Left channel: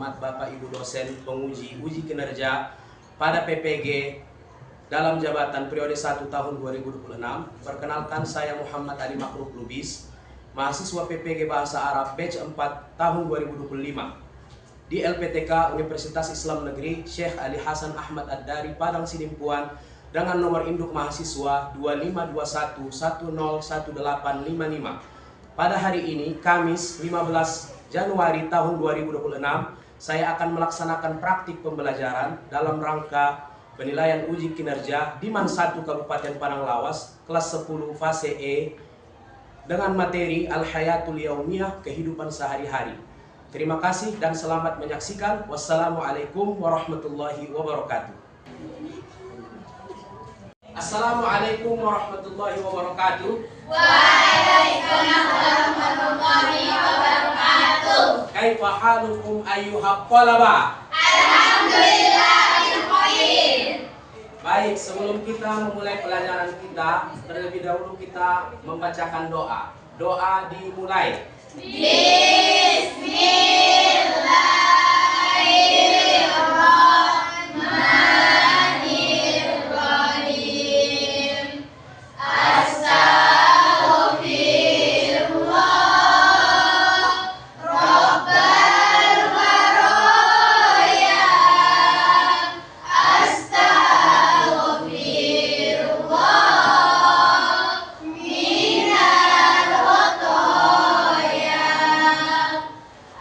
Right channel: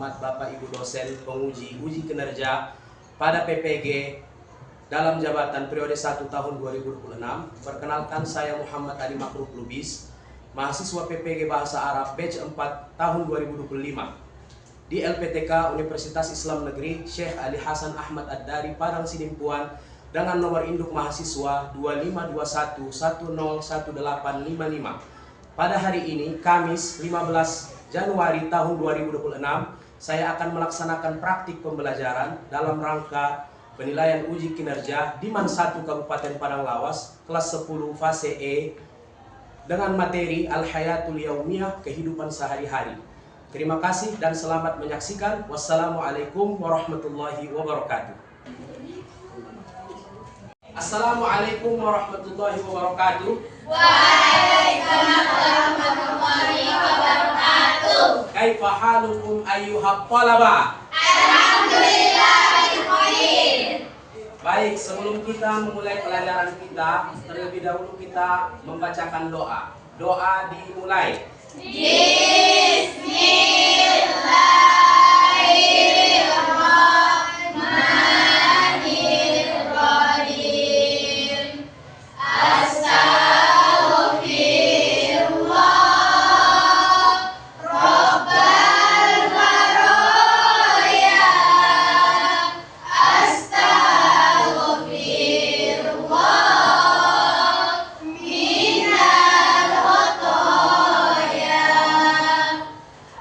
terhormat Bapak Ibu dosen penguji uji kinerja pada PPG dalam jabatan periode 1 tahun 2026. Perkenalkan, saya Muhammad Ali Makruf Lubis, mahasiswa PPG Bahasa Arab batch 4 tahun 2025 di LPTK Universitas Islam Negeri Syekh Ali Hasan Ahmad Ad-Dari Padang Sidimpuan dengan nomor induk mahasiswa 2521101855. Pada hari ini, Kamis 15 Januari tahun 2026, saya akan melaksanakan praktik pembelajaran dalam rangka penilaian uji kinerja di MAN 1 Kabupaten Padang Lawas, kelas 10 fase E, dengan materi Al-Hayatul Yaumiyah, kehidupan sehari-hari. Terima kasih dan selamat menyaksikan. Wassalamualaikum warahmatullahi wabarakatuh. Assalamualaikum warahmatullahi wabarakatuh. Waalaikumsalam warahmatullahi wabarakatuh. Kaifa halukum ayyuhal thalaba? Alhamdulillah khair. Baik, sebelum kita memulai pelajaran kita, terlebih dahulu kita membacakan doa. Doa dimulai. Bismillahirrahmanirrahim. Astaghfirullah Rabbal baraya. Astaghfirullah minal khotoya.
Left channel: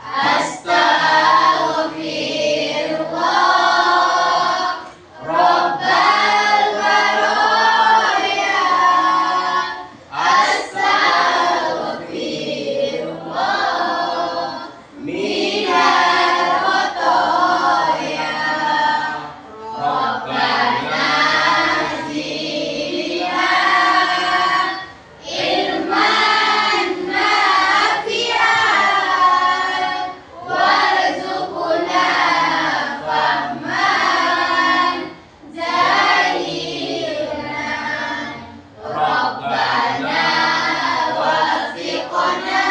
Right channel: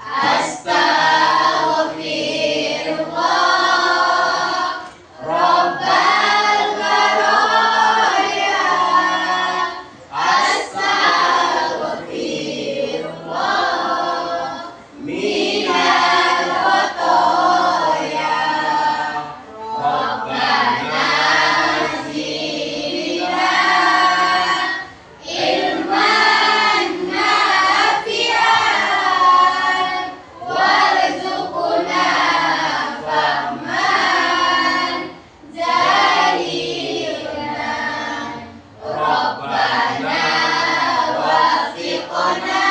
Astaghfirullah Rabbal baraya. Astaghfirullah minal khotoya. Rabbana zidna ilman nafi'an warzuqna fahman jadidan. Rabbana wasiqna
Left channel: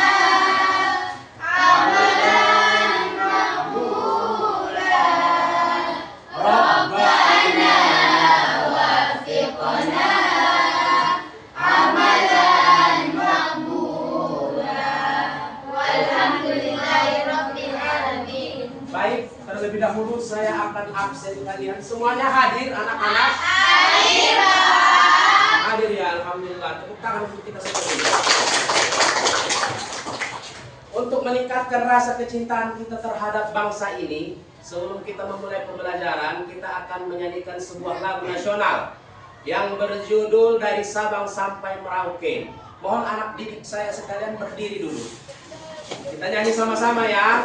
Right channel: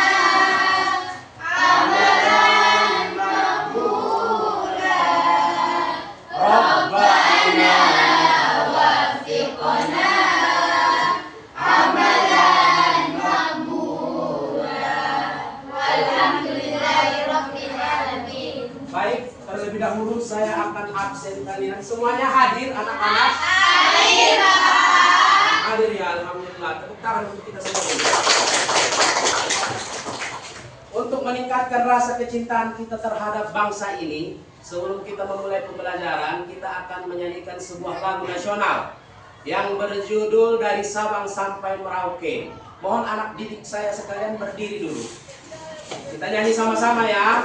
amalan maqbula. Rabbana wasiqna amalan maqbula. Walhamdulillahirabbil alamin. Baik, terlebih dahulu saya akan absen kalian. Semuanya hadir anak-anak? Hadir ya, alhamdulillah. Tepuk tangan untuk kita semua. Untuk meningkatkan rasa kecintaan kita terhadap bangsa ini, sebelum kita memulai pembelajaran, kita akan menyanyikan sebuah lagu nasional yang berjudul Dari Sabang Sampai Merauke. Mohon anak didik saya sekalian berdiri dulu. Kita nyanyi sama-sama ya.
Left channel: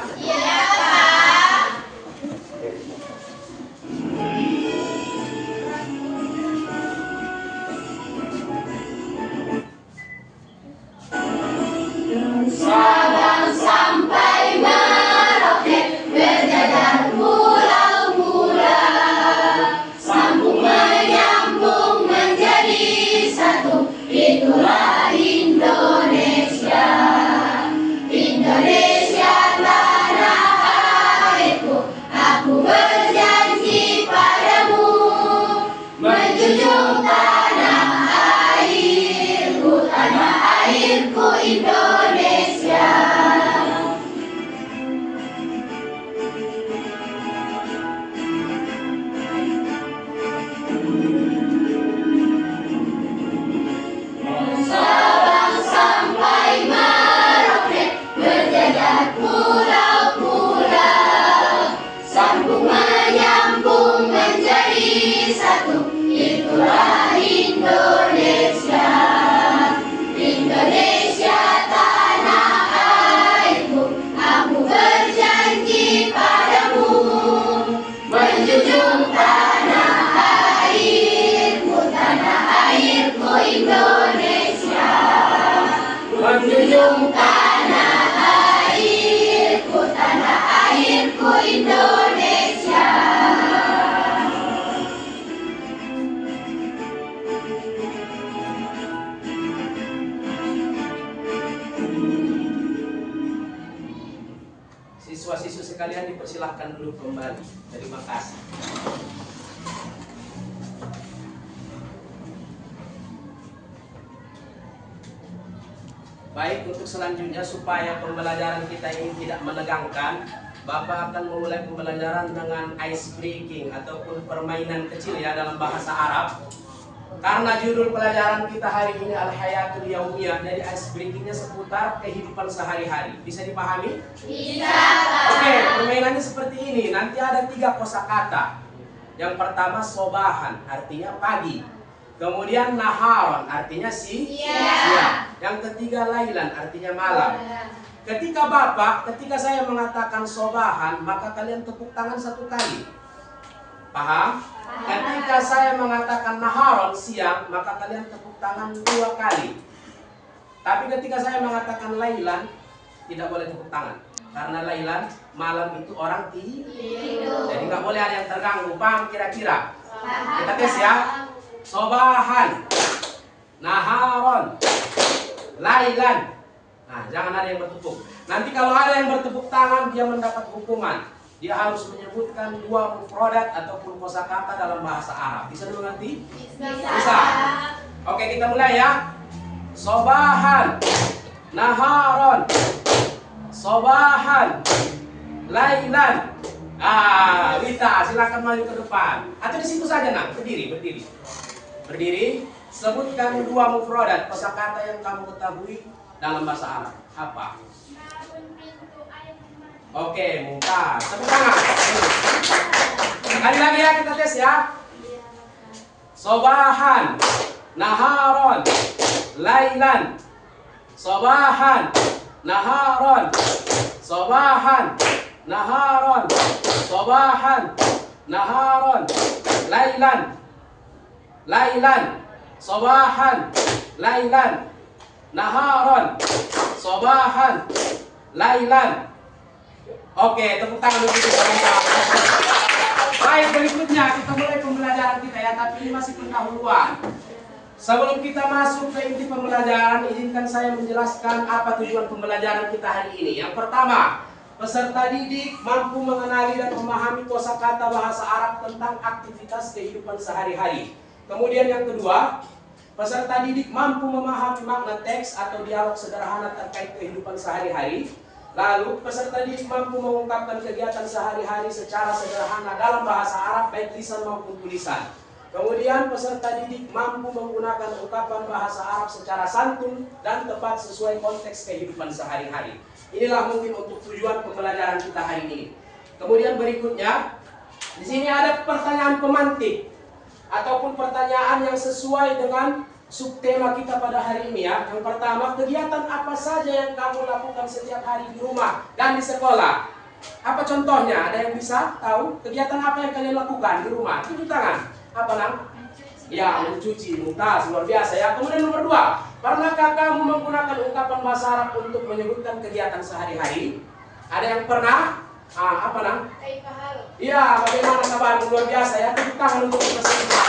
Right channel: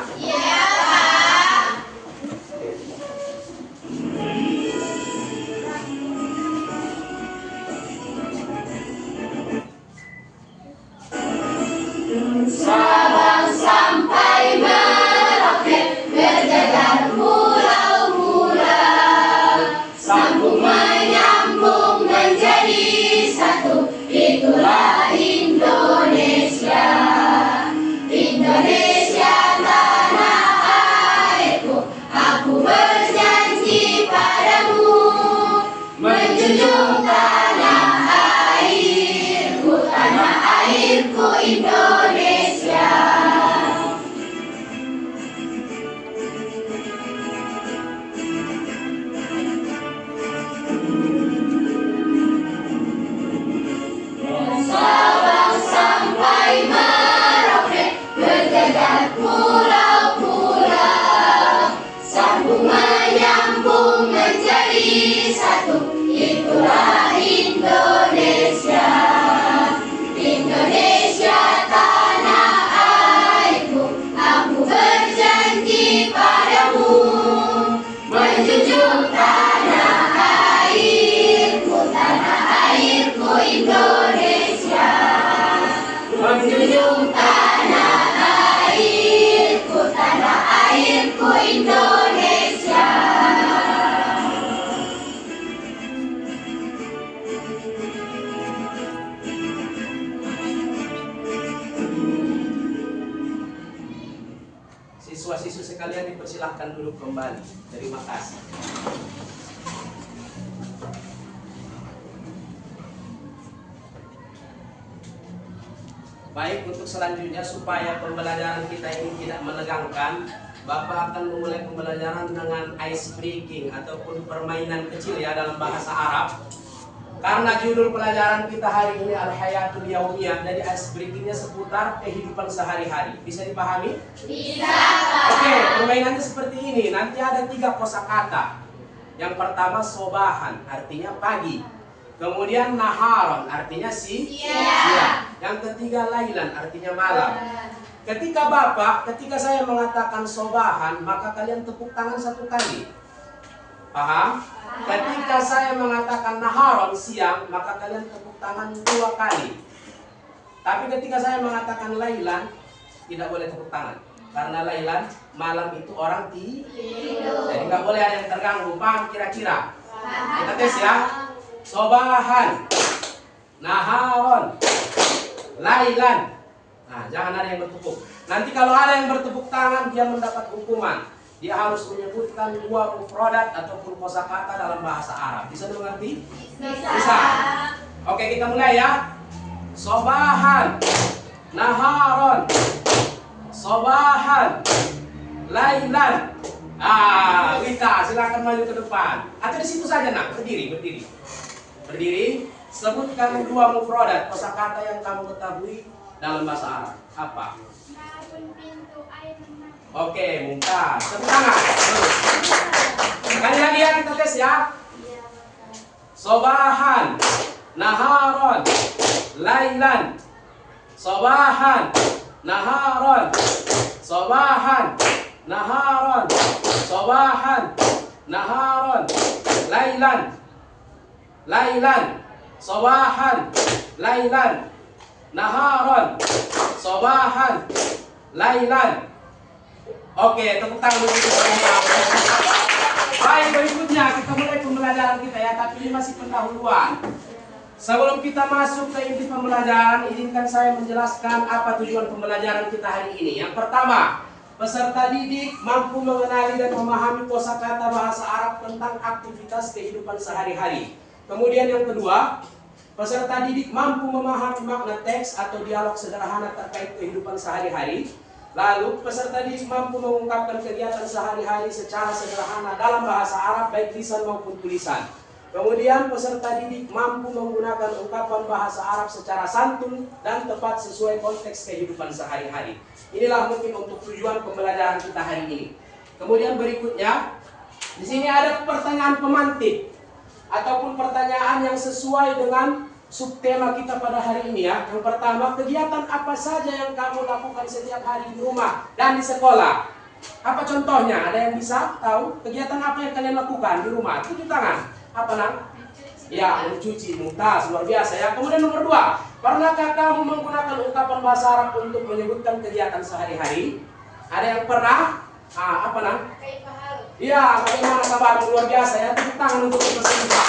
Sabang sampai Merauke berjajar mula-mula, sambung menyambung menjadi satu. Itulah Indonesia. Indonesia tanah airku, aku berjanji padamu menjunjung tanah airku Indonesia. Nusa sekalian dipersilahkan dulu kembali. Terima kasih. Baik, untuk selanjutnya supaya pembelajaran kita ini tidak menegangkan, Bapak akan memulai pembelajaran dengan ice breaking ataupun permainan kecil ya dalam bahasa Arab. Karena judul pelajaran kita hari ini Al-Hayatul Yaumiyah, jadi ice breakingnya seputar kehidupan sehari-hari. Bisa dipahami? Bisa. Oke, permainannya seperti ini. Nanti ada 3 kosakata. Yang pertama sobahan, artinya pagi. Kemudian naharon, artinya siang. Yang ketiga lailan, artinya malam. Ketika saya mengatakan sobahan, maka kalian tepuk tangan 1 kali. Paham? Ketika saya mengatakan naharon, siang, maka kalian tepuk tangan 2 kali. Tapi ketika saya mengatakan lailan, tidak boleh tepuk tangan. Karena lailan, malam itu orang tidur. Jadi nggak boleh ada yang terganggu. Paham kira-kira? Kita tes ya. Sobahan, naharon, lailan. Nah, jangan ada yang bertepuk. Nanti kalau ada yang bertepuk tangan, dia mendapat hukuman. Dia harus menyebutkan 2 mufradat ataupun kosakata dalam bahasa Arab. Bisa dimengerti? Bisa. Oke, kita mulai ya. Sobahan, naharon, sobahan, lailan. Wita, silakan maju ke depan. Atau di situ saja, nak. Berdiri, sebutkan 2 mufradat kosakata yang kamu ketahui dalam bahasa Arab. Apa? Oke, mumtaz. Tepuk tangan. Sekali lagi ya, kita tes ya. Sobahan, naharon, lailan. Sobahan, naharon, sobahan, naharon, sobahan, naharon, lailan. Lailan, sobahan, lailan, naharon, sobahan, lailan. Oke, tepuk tangan dulu. Baik, berikutnya kita mulai pembelajaran kita ya, tapi ini masih pendahuluan. Sebelum kita masuk ke inti pembelajaran, izinkan saya menjelaskan apa tujuan pembelajaran kita hari ini. Yang pertama, peserta didik mampu mengenali dan memahami kosakata bahasa Arab tentang aktivitas kehidupan sehari-hari. Kemudian yang kedua, peserta didik mampu memahami makna teks atau dialog sederhana terkait kehidupan sehari-hari. Lalu, peserta didik mampu mengungkapkan kegiatan sehari-hari secara sederhana dalam bahasa Arab, baik lisan maupun tulisan. Kemudian, peserta didik mampu menggunakan ungkapan bahasa Arab secara santun dan tepat sesuai konteks kehidupan sehari-hari. Inilah mungkin untuk tujuan pembelajaran kita hari ini. Kemudian berikutnya, di sini ada pertanyaan pemantik ataupun pertanyaan yang sesuai dengan subtema kita pada hari ini ya. Yang pertama, kegiatan apa saja yang kamu lakukan setiap hari di rumah dan di sekolah? Apa contohnya? Ada yang bisa tahu? Kegiatan apa yang kalian lakukan di rumah? Tunjuk tangan. Apa nang? Ya, mencuci. Mumtaz, luar biasa ya. Kemudian nomor 2, pernahkah kamu menggunakan ungkapan bahasa Arab untuk menyebutkan kegiatan sehari-hari? Ada yang pernah? Apa nang? Iya, bagaimana kabar? Luar biasa ya. Tepuk tangan untuk peserta.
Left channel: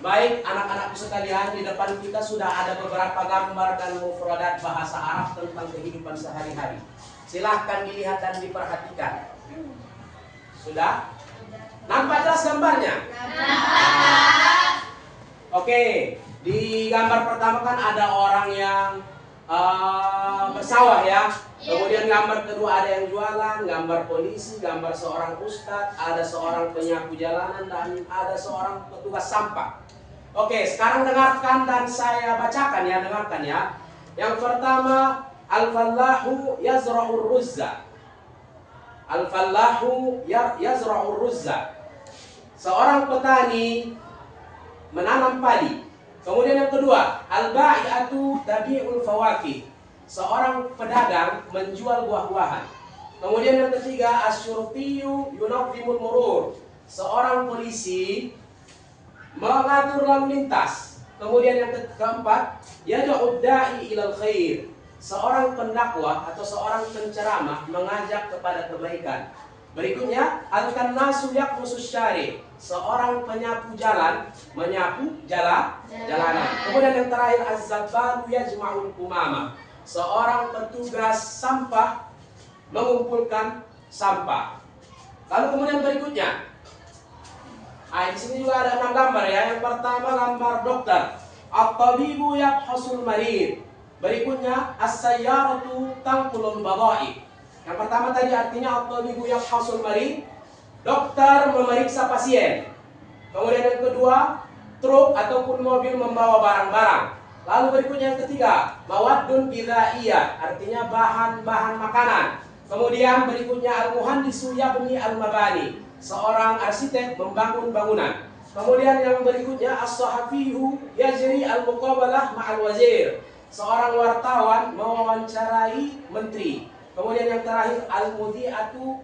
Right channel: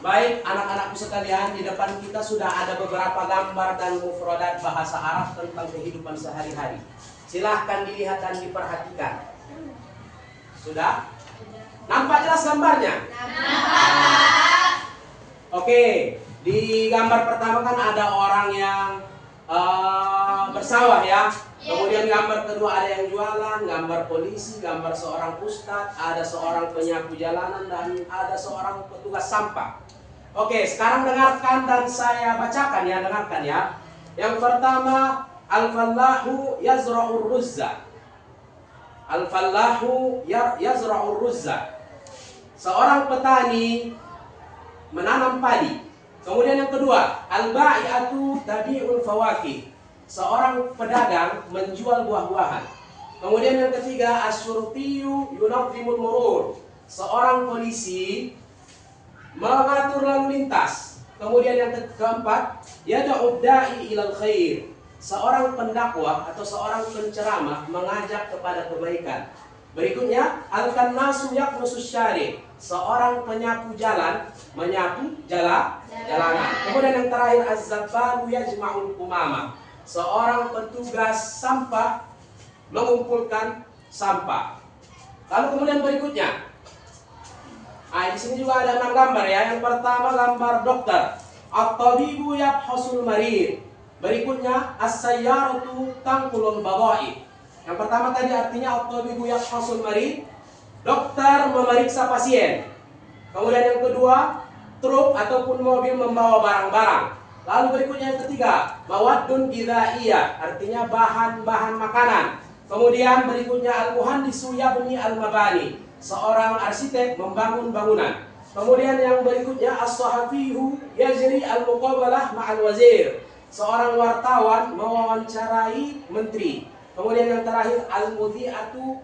Baik, anak-anakku sekalian, di depan kita sudah ada beberapa gambar dan mufradat bahasa Arab tentang kehidupan sehari-hari. Silahkan dilihat dan diperhatikan. Sudah? Nampak jelas gambarnya? Nampak. Oke, di gambar pertama kan ada orang yang bersawah ya. Kemudian gambar kedua ada yang jualan, gambar polisi, gambar seorang ustadz, ada seorang penyapu jalanan, dan ada seorang petugas sampah. Oke, sekarang dengarkan dan saya bacakan ya, dengarkan ya. Yang pertama, al-fallahu yazra'ur ruzza. Al-fallahu yazra'ur ruzza. Seorang petani menanam padi. Kemudian yang kedua, al-ba'i'atu tabi'ul fawakih. Seorang pedagang menjual buah-buahan. Kemudian yang ketiga, asyurtiyu yunadzimul murur. Seorang polisi mengatur lalu lintas. Kemudian yang keempat, yad'ud da'i ilal khair. Seorang pendakwah atau seorang penceramah mengajak kepada kebaikan. Berikutnya, al-kannasu yaqmusus syari'. Seorang penyapu jalan menyapu jalanan. Kemudian yang terakhir, az-zabbalu yajma'ul kumama. Seorang petugas sampah mengumpulkan sampah. Lalu kemudian berikutnya, di sini juga ada 6 gambar ya. Yang pertama gambar dokter, at-tabibu yabhasul marid. Berikutnya as-sayyaratu tanqulul bada'i. Yang pertama tadi artinya at-tabibu yabhasul marid, dokter memeriksa pasien. Kemudian yang kedua, truk ataupun mobil membawa barang-barang. Lalu berikutnya yang ketiga, mawaddun gidhaiyah, artinya bahan-bahan makanan. Kemudian berikutnya al-muhandisu yabni al-mabani, seorang arsitek membangun bangunan. Kemudian yang berikutnya as-sahafiyu yajri al-muqabalah ma'al wazir, seorang wartawan mewawancarai menteri. Kemudian yang terakhir al-mudhi'atu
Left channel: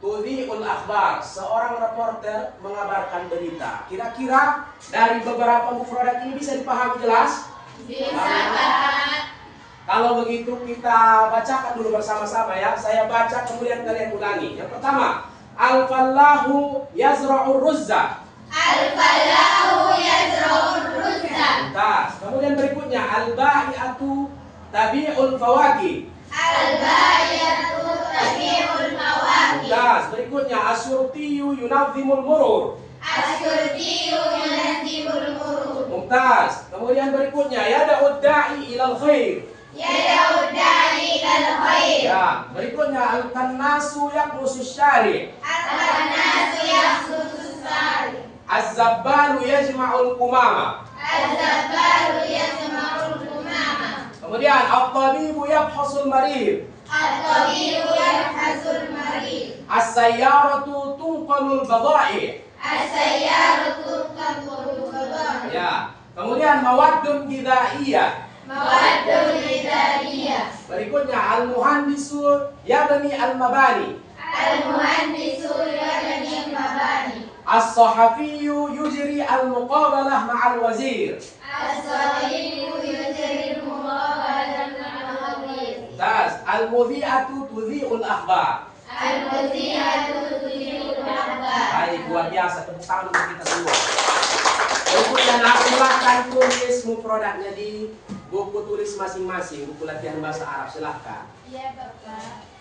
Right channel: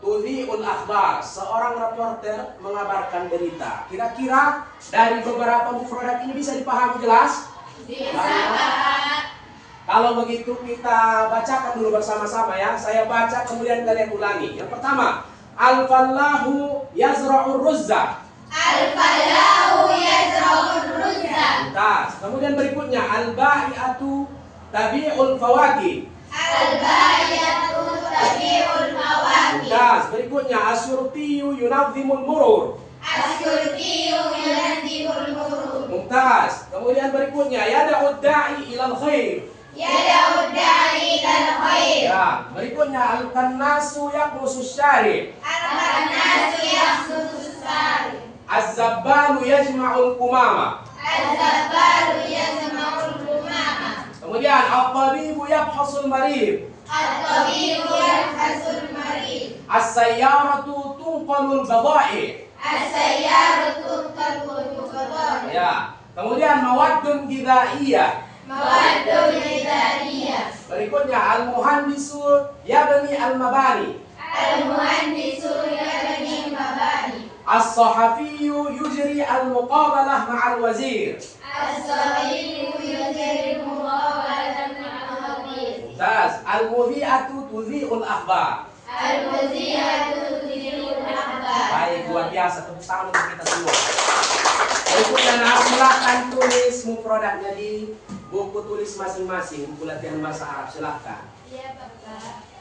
tudhi'ul akhbar, seorang reporter mengabarkan berita. Kira-kira dari beberapa mufradat ini bisa dipahami jelas? Bisa, Pak. Kalau begitu kita bacakan dulu bersama-sama ya. Saya baca kemudian kalian ulangi. Yang pertama, al-fallahu yazra'ur ruzza. Al-falahu yazra'ur ruzza. Tuntas. Kemudian berikutnya, al-ba'i'atu tabi'ul fawakih. Al-ba'i'atu tabi'ul fawakih. Tuntas. Berikutnya, as-surtiyu yunadzimul murur. As-surtiyu yunadzimul murur. Mumtaz. Kemudian berikutnya, yada'ud da'i ilal khair. Yada'ud da'i ilal khair. Ya, berikutnya al-kannasu yaqmusus syari'. Al-nasu yahsusus sari. Az-zabbalu yajma'ul qumama. Az-zabbalu yasma'ul lumama. Kemudian at-tabibu yabhasul marid. At-tabibu yabhasul marid. As-sayyaratu tunqalul bada'i. As-sayyaratu tanqulu bada'i. Ya. Kemudian mawaddun gidhaiyah. Mawaddun gidhaiyah. Berikutnya al-muhandisu yabni al-mabani. Al-muhandisu yabni al-mabani. As-sahafiyu yujri al-muqabalah ma'al wazir. As-sahihu yajri al-muqabalah ma'al wazir. Mumtaz. Al-mudhi'atu tudhi'ul akhbar. Al-mudhi'atu tudhi'ul akhbar. Baik, luar biasa. Tepuk tangan untuk kita semua. Berikutnya, silahkan tulis mufradatnya di buku tulis masing-masing, buku latihan bahasa Arab, silahkan. Iya, Bapak.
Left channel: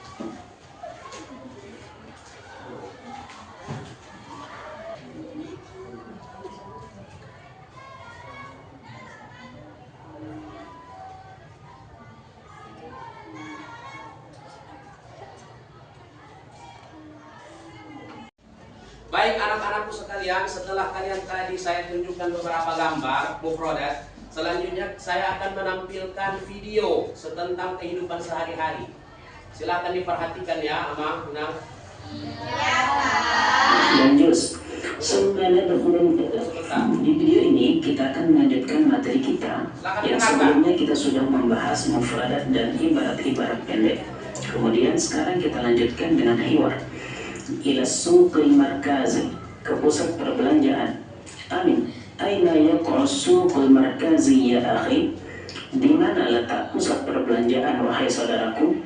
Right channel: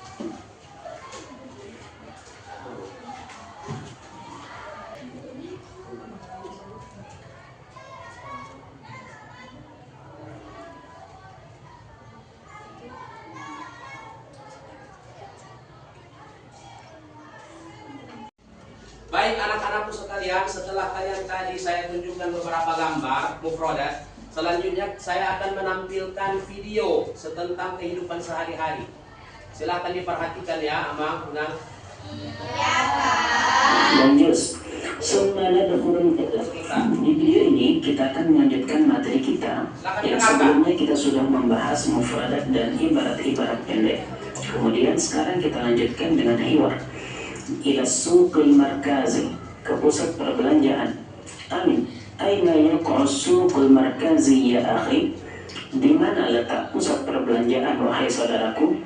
Baik anak-anakku sekalian, setelah kalian tadi saya tunjukkan beberapa gambar mufradat, selanjutnya saya akan menampilkan video tentang kehidupan sehari-hari. Silahkan diperhatikan ya, Amang, Nang. Lanjut. Di video ini kita akan melanjutkan materi kita yang sebelumnya kita sudah membahas mufradat dan ibarat-ibarat pendek. Kemudian sekarang kita lanjutkan dengan hiwar. Ila suqil markazi, ke pusat perbelanjaan. Amin. Aina yaqa'u suqul markazi ya akhi? Di mana letak pusat perbelanjaan wahai saudaraku?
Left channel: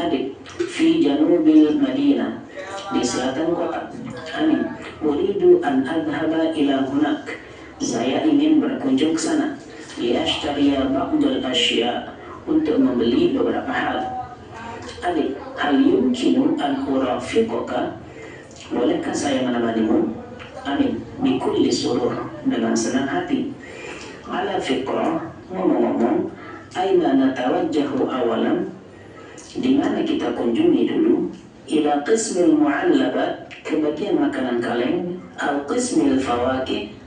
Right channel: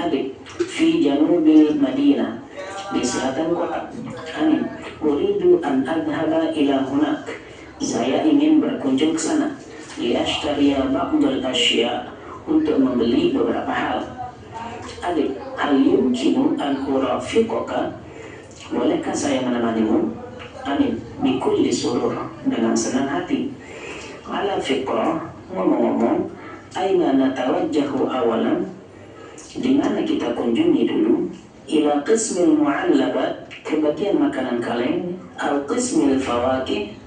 Adik. Fi janubil Madinah, di selatan kota. Amin. Uridu an adhaba ila hunak, saya ingin berkunjung ke sana. Liashtariya ba'dal asya, untuk membeli beberapa hal. Adik, hal yumkinu an urafiqaka, bolehkah saya menemanimu? Amin. Bikulli surur, dengan senang hati. Ala fiqrah, ngomong-ngomong, aina natawajjahu awalan, di mana kita kunjungi dulu? Ila qismil mu'allabat, ke bagian makanan kaleng. Al qismil fawakih,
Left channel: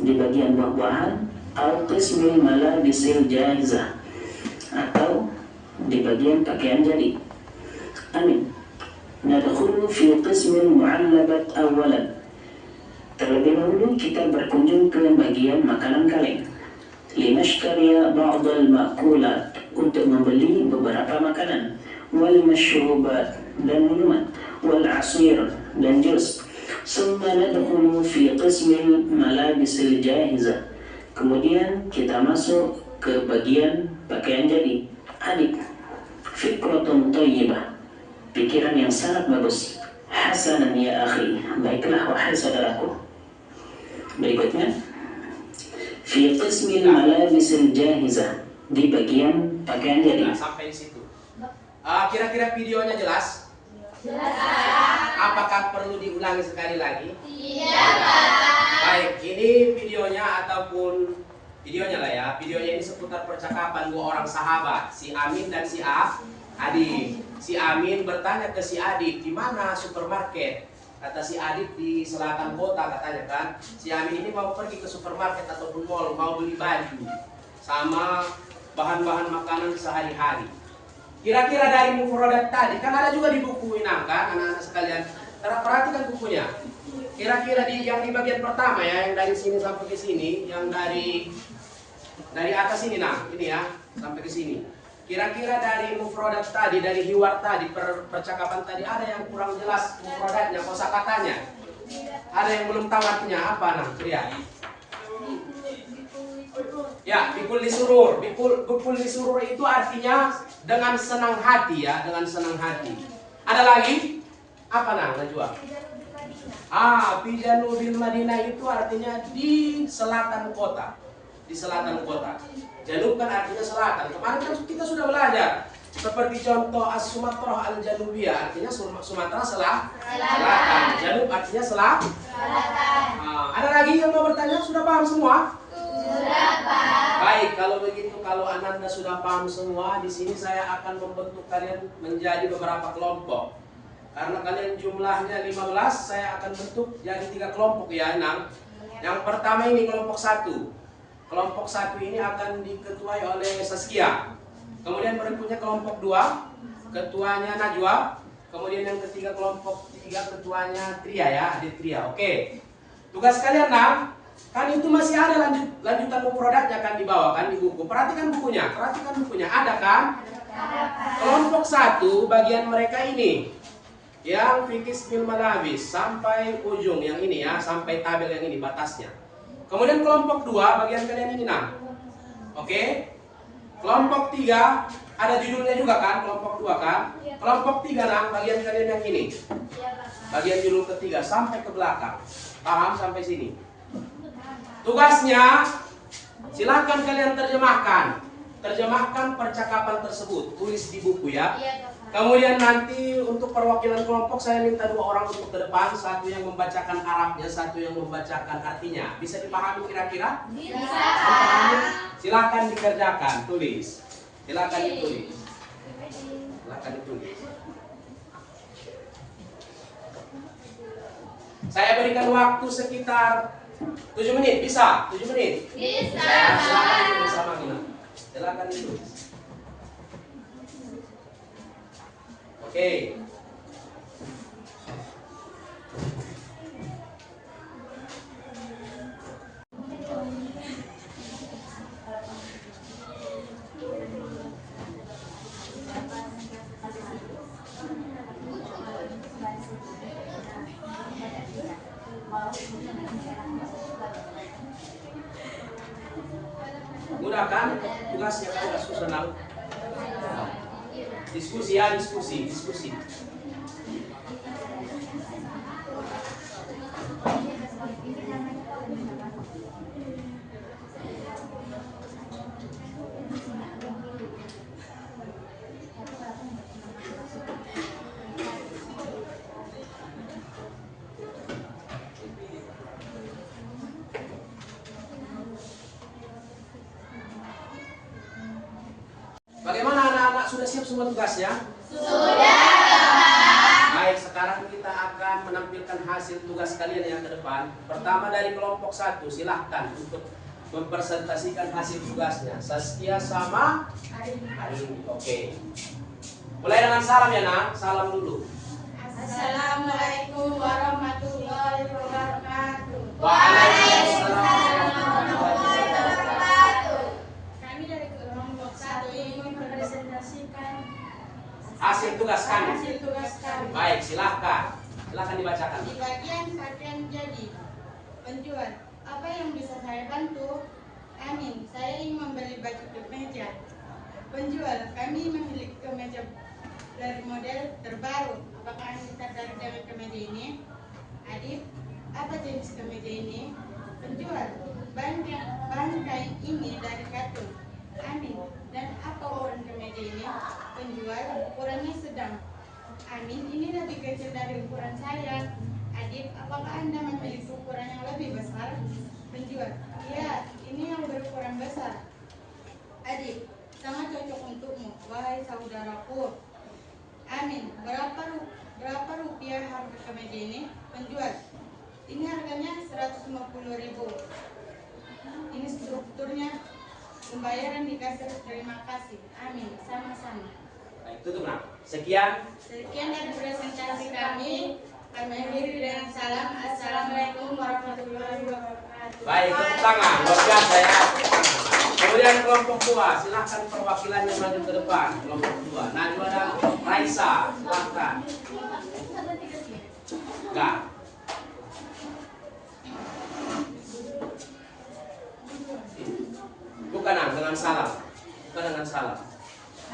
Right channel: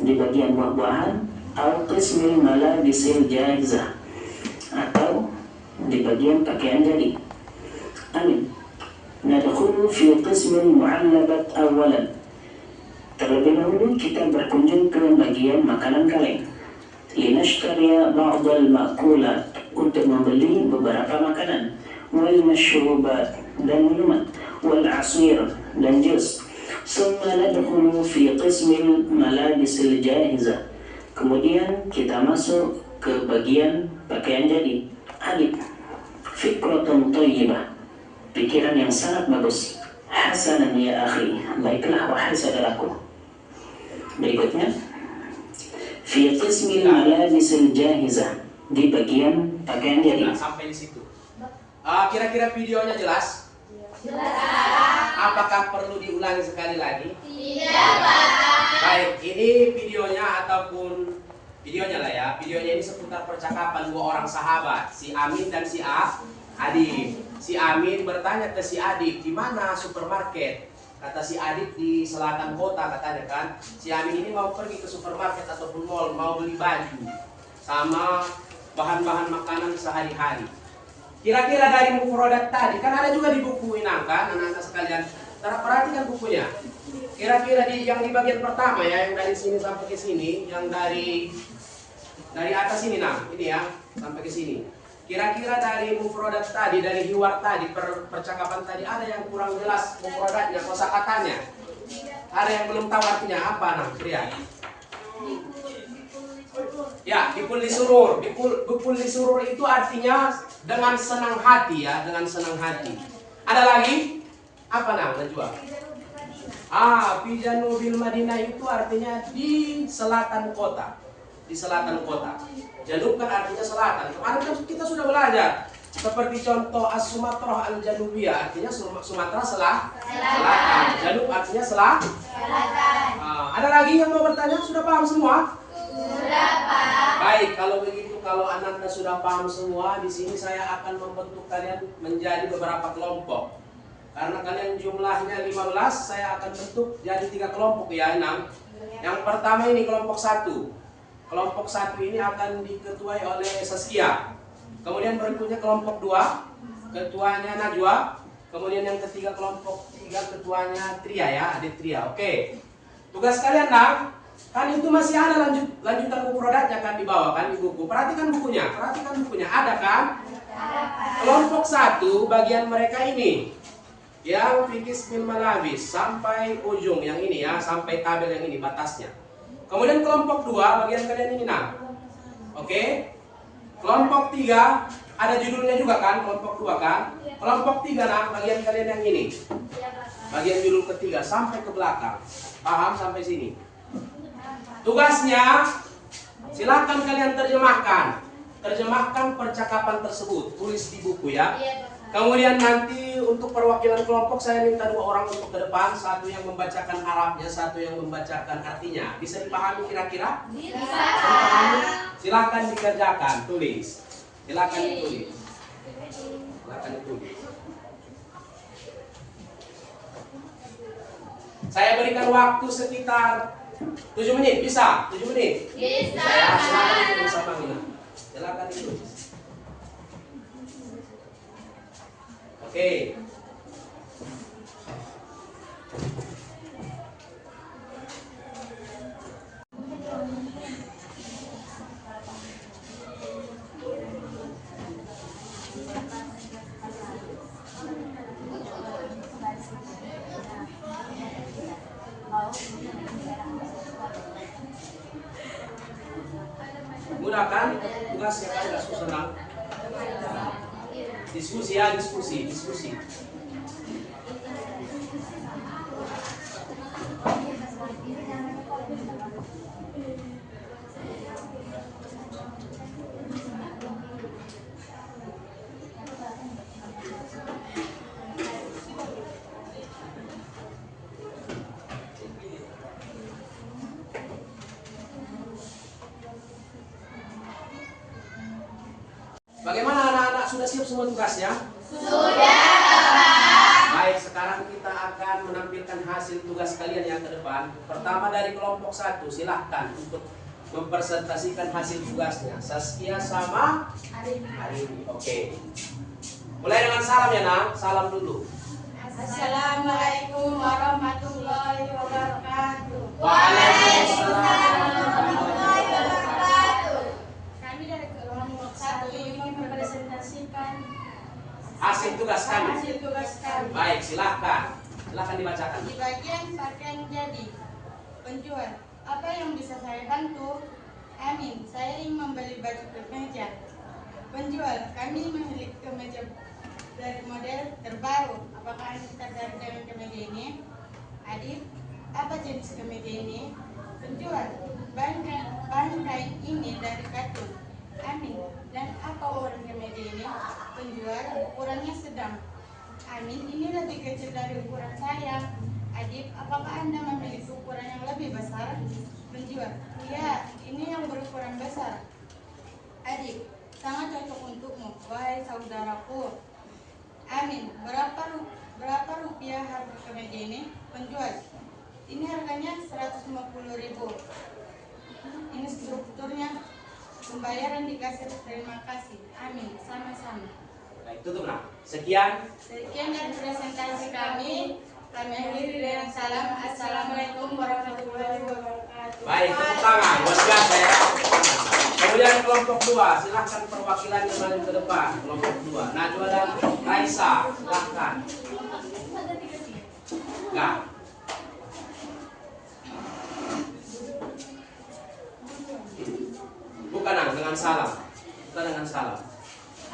di bagian buah-buahan. Al qismil malabisil jahizah, atau di bagian pakaian jadi. Amin. Nadkhulu fi qismil mu'allabat awalan, terlebih dahulu kita berkunjung ke bagian makanan kaleng. Linashtariya ba'dal ma'kulat, untuk membeli beberapa makanan. Wal mashrubat, dan minuman. Wal asir, dan jus. Summa nadkhulu fi qismil malabisil jahizah, kemudian kita masuk ke bagian pakaian jadi. Adik, fikratun thayyibah, pikiran yang sangat bagus. Hasanan ya akhi, baiklah wahai saudaraku. Berikutnya, fi qismil malabisil jahizah, di bagian pakaian jadi. Sampai di situ. Kira-kira videonya jelas? Jelas. Apakah perlu diulangi sekali lagi? Tidak, Pak. Baik, ini videonya ataupun videonya lah ya. Videonya ini seputar percakapan dua orang sahabat, si Amin dan si Adib. Si Amin bertanya ke si Adib, di mana supermarket? Kata si Adib di selatan kota katanya kan. Si Amin ini mau pergi ke supermarket ataupun mall, mau beli baju sama bahan-bahan makanan sehari-hari. Kira-kira dari mufradat tadi, kan ada juga di buku Inang kan, anak-anak sekalian. Perhatikan bukunya. Kira-kira yang di bagian pertama ya, yang dari sini sampai ke sini, yang dari atas ini nah, ini ya, sampai ke sini. Kira-kira dari mufradat tadi, dari hiwar tadi, percakapan tadi, ada yang kurang jelas mufradatnya, kosakatanya. Ada yang belum tahu artinya apa nah, Pria? Ya, bikul lisurur. Bikul lisurur itu artinya dengan senang hati ya, dengan senang hati. Ada lagi? Apa nang, Najwa? Pijanu bil Madinah itu artinya di selatan kota. Di selatan kota. Janub kan artinya selatan. Kemarin kan kita sudah belajar. Seperti contoh As-Sumatrah Al-Janubiyah artinya Sumatera selatan. Janub artinya selatan. Ada lagi yang mau bertanya? Sudah paham semua? Sudah, Pak. Baik, kalau begitu, kalau Anda sudah paham semua, di sini saya akan membentuk kalian menjadi beberapa kelompok. Karena kalian jumlahnya 15, saya akan bentuk jadi 3 kelompok ya, 6. Yang pertama ini kelompok 1. Kelompok 1 ini akan diketuai oleh Saskia. Kemudian berikutnya kelompok 2, ketuanya Najwa. Kemudian yang ketiga kelompok 3, ketuanya Tria ya, adik Tria. Oke. Tugas kalian kan itu masih ada lanjutan mufradatnya kan di bawah kan di buku. Perhatikan bukunya, ada kan? Ada, Pak. Kelompok 1 bagian mereka ini yang fikis bil malabis sampai ujung yang ini ya, sampai tabel yang ini batasnya. Kemudian kelompok 2 bagian kalian ini nah. Oke. Kelompok 3 ada judulnya juga kan, kelompok 2 kan? Kelompok 3 nah, bagian kalian yang ini. Bagian judul ketiga sampai ke belakang. Paham sampai sini? Tugasnya silakan kalian terjemahkan percakapan tersebut, tulis di buku ya. Kemudian nanti untuk perwakilan kelompok saya minta 2 orang untuk ke depan, satu yang membacakan Arabnya, satu yang membacakan artinya. Bisa dipahami kira-kira? Bisa. Silakan dikerjakan, tulis. Silakan ditulis. Saya berikan waktu sekitar 7 menit, bisa? 7 menit? Bisa. Silakan ditulis sama Mina. Silakan ditulis. Oke. Mudah kan? Tugasnya kan agak susah. Diskusi ya, diskusi. Bagaimana anak-anak, sudah siap semua tugasnya? Sudah, Baik, sekarang kita akan menampilkan hasil tugas kalian yang ke depan. Pertama dari kelompok 1, silahkan untuk mempresentasikan hasil tugasnya. Saskia sama Arini. Oke. Mulai dengan salam ya nak, salam dulu. Assalamualaikum warahmatullahi wabarakatuh. Waalaikumsalam warahmatullahi wabarakatuh. Kami dari kelompok 1 ingin mempresentasikan hasil tugas kami. hasil tugas kami. Baik, silahkan dibacakan. Di bagian pakaian jadi penjual, apa yang bisa saya bantu? Amin, saya ingin membeli baju kemeja. Penjual, kami memiliki kemeja dari model terbaru. Apakah Anda tertarik dengan kemeja ini? Adib, apa jenis kemeja ini? Penjual, bahan kain ini dari katun. Amin. Dan apa ukuran kemeja ini? Penjual, ukurannya sedang. Amin, ini lebih kecil dari ukuran saya. Adib, apakah Anda memiliki ukuran yang lebih besar? Penjual, iya, ini yang berukuran besar. Adib, sangat cocok untukmu, wahai saudaraku. Amin, berapa rupiah harga kemeja ini? Penjual, ini harganya 150.000. Ini strukturnya, pembayaran di kasir, terima kasih. Amin, sama-sama. Baik, tutup nak. Sekian Dari presentasi kami akhiri dengan salam. Assalamualaikum warahmatullahi wabarakatuh. baik, tepuk tangan luar biasa ya. Kemudian kelompok 2, silahkan perwakilannya maju ke depan. Kelompok 2, Najwa dan Raisa, silahkan. Enggak. Bukan dengan salam. Bukan dengan salam.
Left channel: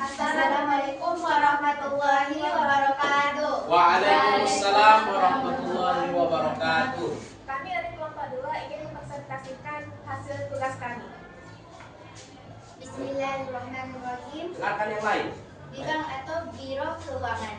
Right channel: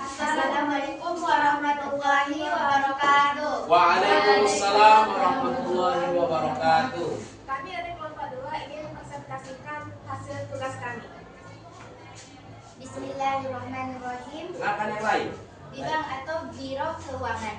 Assalamualaikum warahmatullahi wabarakatuh. Waalaikumsalam warahmatullahi wabarakatuh. Kami dari kelompok 2 ingin mempresentasikan hasil tugas kami. Bismillahirrahmanirrahim. Silakan yang lain. Di bank atau biro keuangan.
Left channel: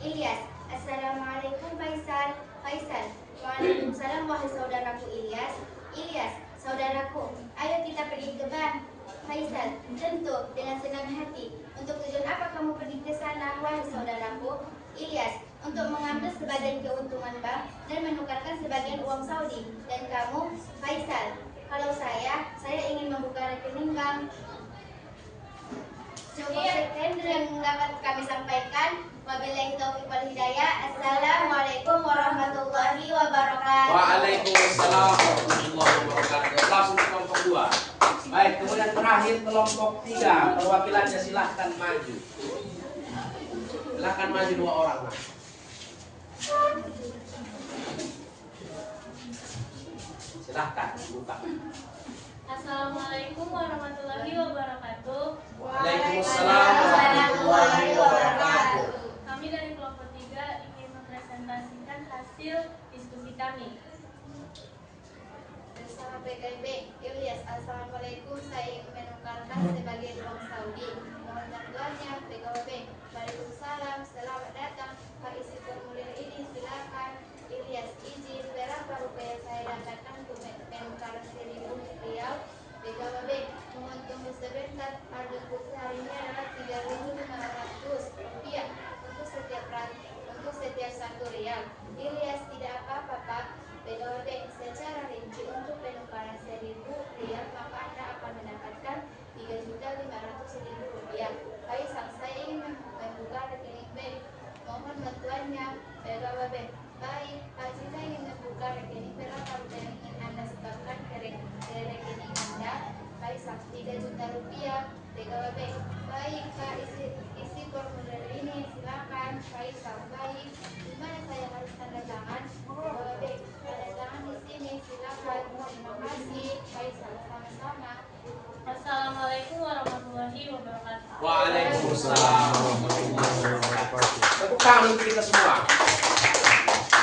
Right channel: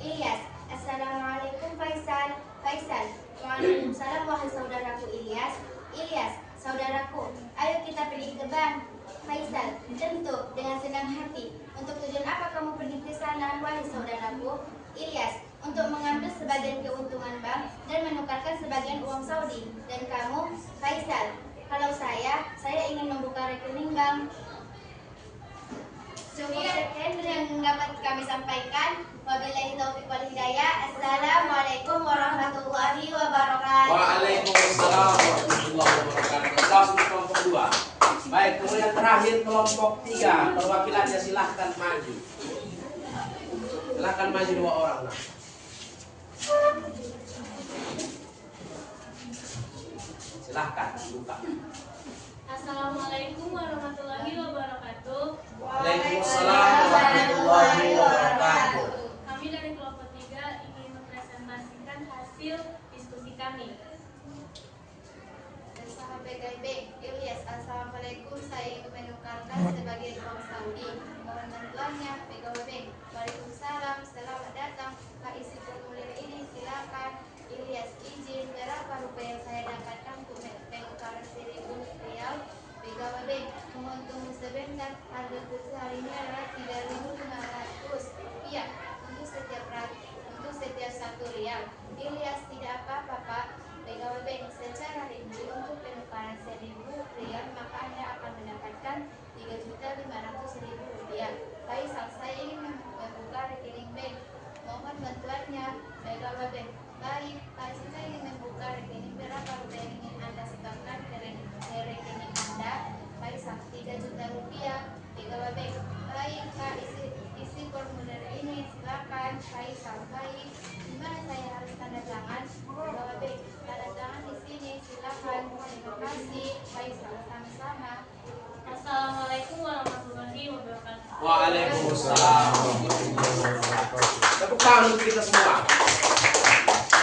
Ilyas. Assalamualaikum Faisal. Faisal. Waalaikumsalam wahai saudaraku Ilyas. Ilyas, saudaraku, ayo kita pergi ke bank. Faisal, tentu dengan senang hati. Untuk tujuan apa kamu pergi ke sana wahai saudaraku? Ilyas, untuk mengambil sebagian keuntungan bank dan menukarkan sebagian uang Saudi. Dan kamu, Faisal, kalau saya ingin membuka rekening bank. Cukup sekian yang dapat kami sampaikan. Wabillahi taufiq wal hidayah. Assalamualaikum warahmatullahi wabarakatuh. Waalaikumsalam warahmatullahi wabarakatuh. Langsung ke kelompok 2. Baik, kemudian terakhir kelompok 3. Perwakilannya silahkan maju. Silahkan maju 2 orang. Nah. Silahkan buka. Assalamualaikum warahmatullahi wabarakatuh. Waalaikumsalam warahmatullahi wabarakatuh. Kami dari kelompok 3 ingin mempresentasikan hasil diskusi kami. PTB Ilyas, Assalamualaikum, saya ingin menukarkan sebagian uang Saudi. Mohon bantuannya, PKWB. Waalaikumsalam, selamat datang. Pak, isi formulir ini silakan. Ilyas, izin berapa rupiah saya dapatkan untuk menukar 1.000 rial? PKWB, mohon tunggu sebentar. Harga kursi hari ini adalah 3.500 rupiah untuk setiap 1 rial. Ilyas, tidak apa-apa Pak. PKWB, secara rinci untuk penukaran 1.000 rial maka Anda akan mendapatkan 3.500.000 rupiah. Faisal, saya ingin membuka rekening bank. Mohon bantuannya. PKWB, baik. Faisal, saya ingin membuka rekening. Berapa rupiah yang ingin Anda setorkan ke rekening Anda? Faisal, 3 juta rupiah. PKWB, baik Pak, isi formulir ini silakan. Faisal, baik. Di mana saya harus tanda tangan? PKWB, tanda tangan di sini silakan. Terima kasih. Faisal, sama-sama. Assalamualaikum warahmatullahi wabarakatuh. Waalaikumsalam warahmatullahi wabarakatuh. Tepuk tangan untuk kita semua.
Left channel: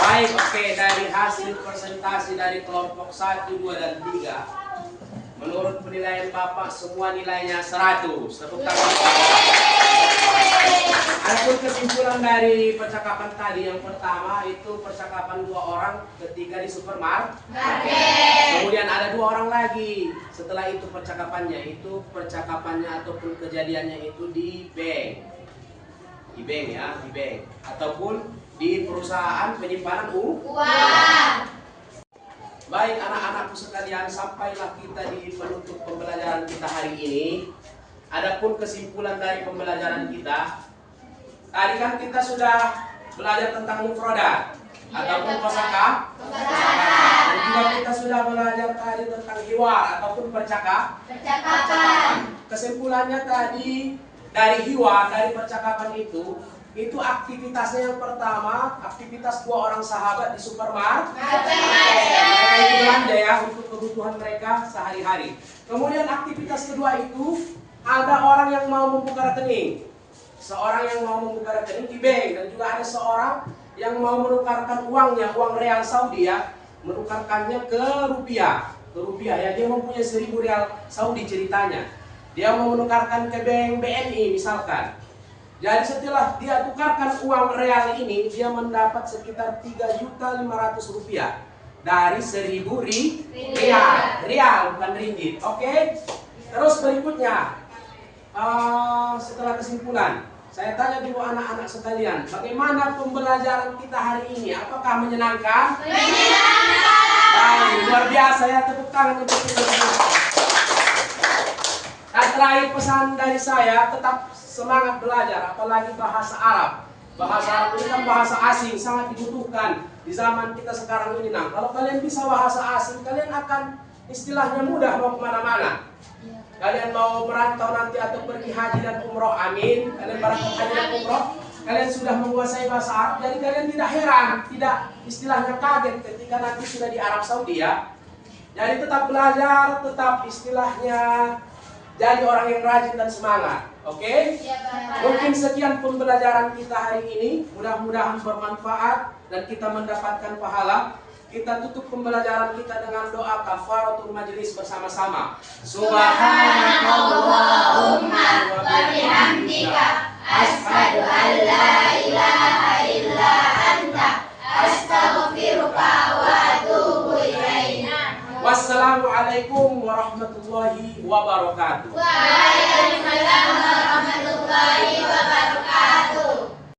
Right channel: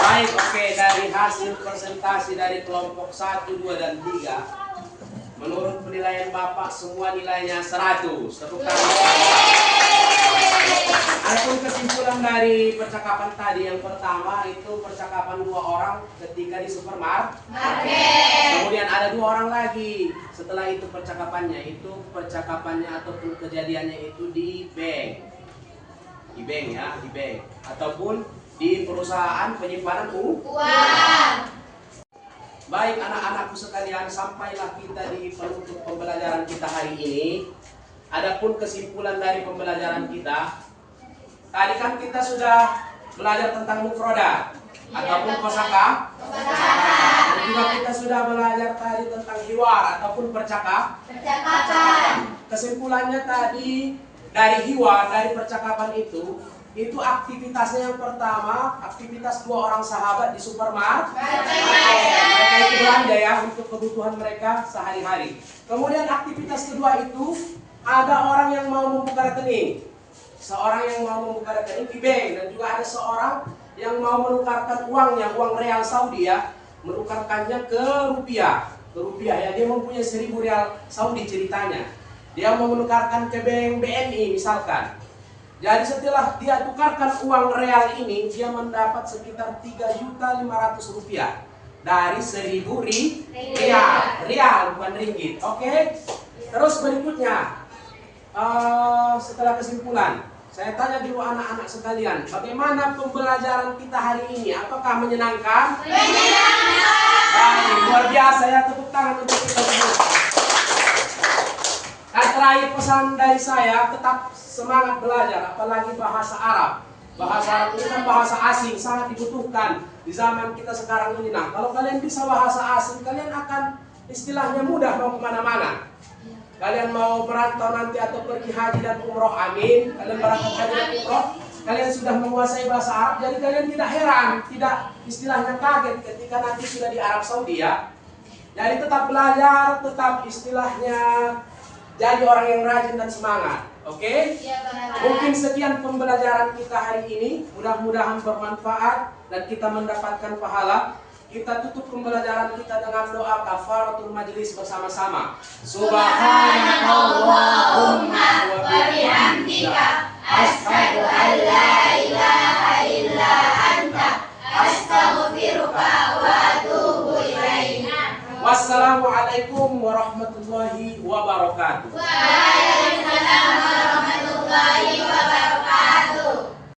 Baik, oke, dari hasil presentasi dari kelompok 1, 2, dan 3, menurut penilaian Bapak semua nilainya 100. Tepuk tangan. Adapun kesimpulan dari percakapan tadi, yang pertama itu percakapan 2 orang ketika di supermarket. Kemudian ada 2 orang lagi setelah itu percakapannya ataupun kejadiannya itu di bank. Di bank ya, di bank ataupun di perusahaan penyimpanan uang. Baik anak-anakku sekalian, sampailah kita di penutup pembelajaran kita hari ini. Adapun kesimpulan dari pembelajaran kita, tadi kan kita sudah belajar tentang mufradat ataupun kosakata. Dan juga kita sudah belajar tadi tentang hiwar ataupun percakapan. Kesimpulannya tadi dari hiwar, dari percakapan itu aktivitasnya yang pertama, aktivitas 2 orang sahabat di supermarket. Mereka itu belanja ya untuk kebutuhan mereka sehari-hari. Kemudian aktivitas kedua itu ada orang yang mau membuka rekening. Seorang yang mau membuka rekening di bank, dan juga ada seorang yang mau menukarkan uangnya, uang real Saudi ya, menukarkannya ke rupiah ya. Dia mempunyai 1.000 rial Saudi ceritanya. Dia mau menukarkan ke bank BNI misalkan. Jadi setelah dia tukarkan uang real ini, dia mendapat sekitar 3.500.000 rupiah dari 1.000 rial, bukan ringgit. Oke? Terus berikutnya, setelah kesimpulan, saya tanya dulu anak-anak sekalian, bagaimana pembelajaran kita hari ini? Apakah menyenangkan? Menyenangkan. Baik, luar biasa ya, tepuk tangan untuk kita semua. Dan terakhir pesan dari saya, tetap semangat belajar, apalagi bahasa Arab. Bahasa Arab ini kan bahasa asing, sangat dibutuhkan di zaman kita sekarang ini. Nah, kalau kalian bisa bahasa asing, kalian akan istilahnya mudah mau kemana-mana. Kalian mau merantau nanti atau pergi haji dan umroh, amin. Kalian berangkat haji dan umroh, kalian sudah menguasai bahasa Arab, jadi kalian tidak heran, tidak istilahnya kaget ketika nanti sudah di Arab Saudi ya. Jadi tetap belajar, tetap istilahnya jadi orang yang rajin dan semangat. Oke? Mungkin sekian pembelajaran kita hari ini. Mudah-mudahan bermanfaat dan kita mendapatkan pahala. Kita tutup pembelajaran kita dengan doa kafaratul majelis bersama-sama. Subhanakallahumma wa bihamdika asyhadu an la ilaha illa anta astaghfiruka wa atubu ilaik. Wassalamualaikum warahmatullahi wabarakatuh.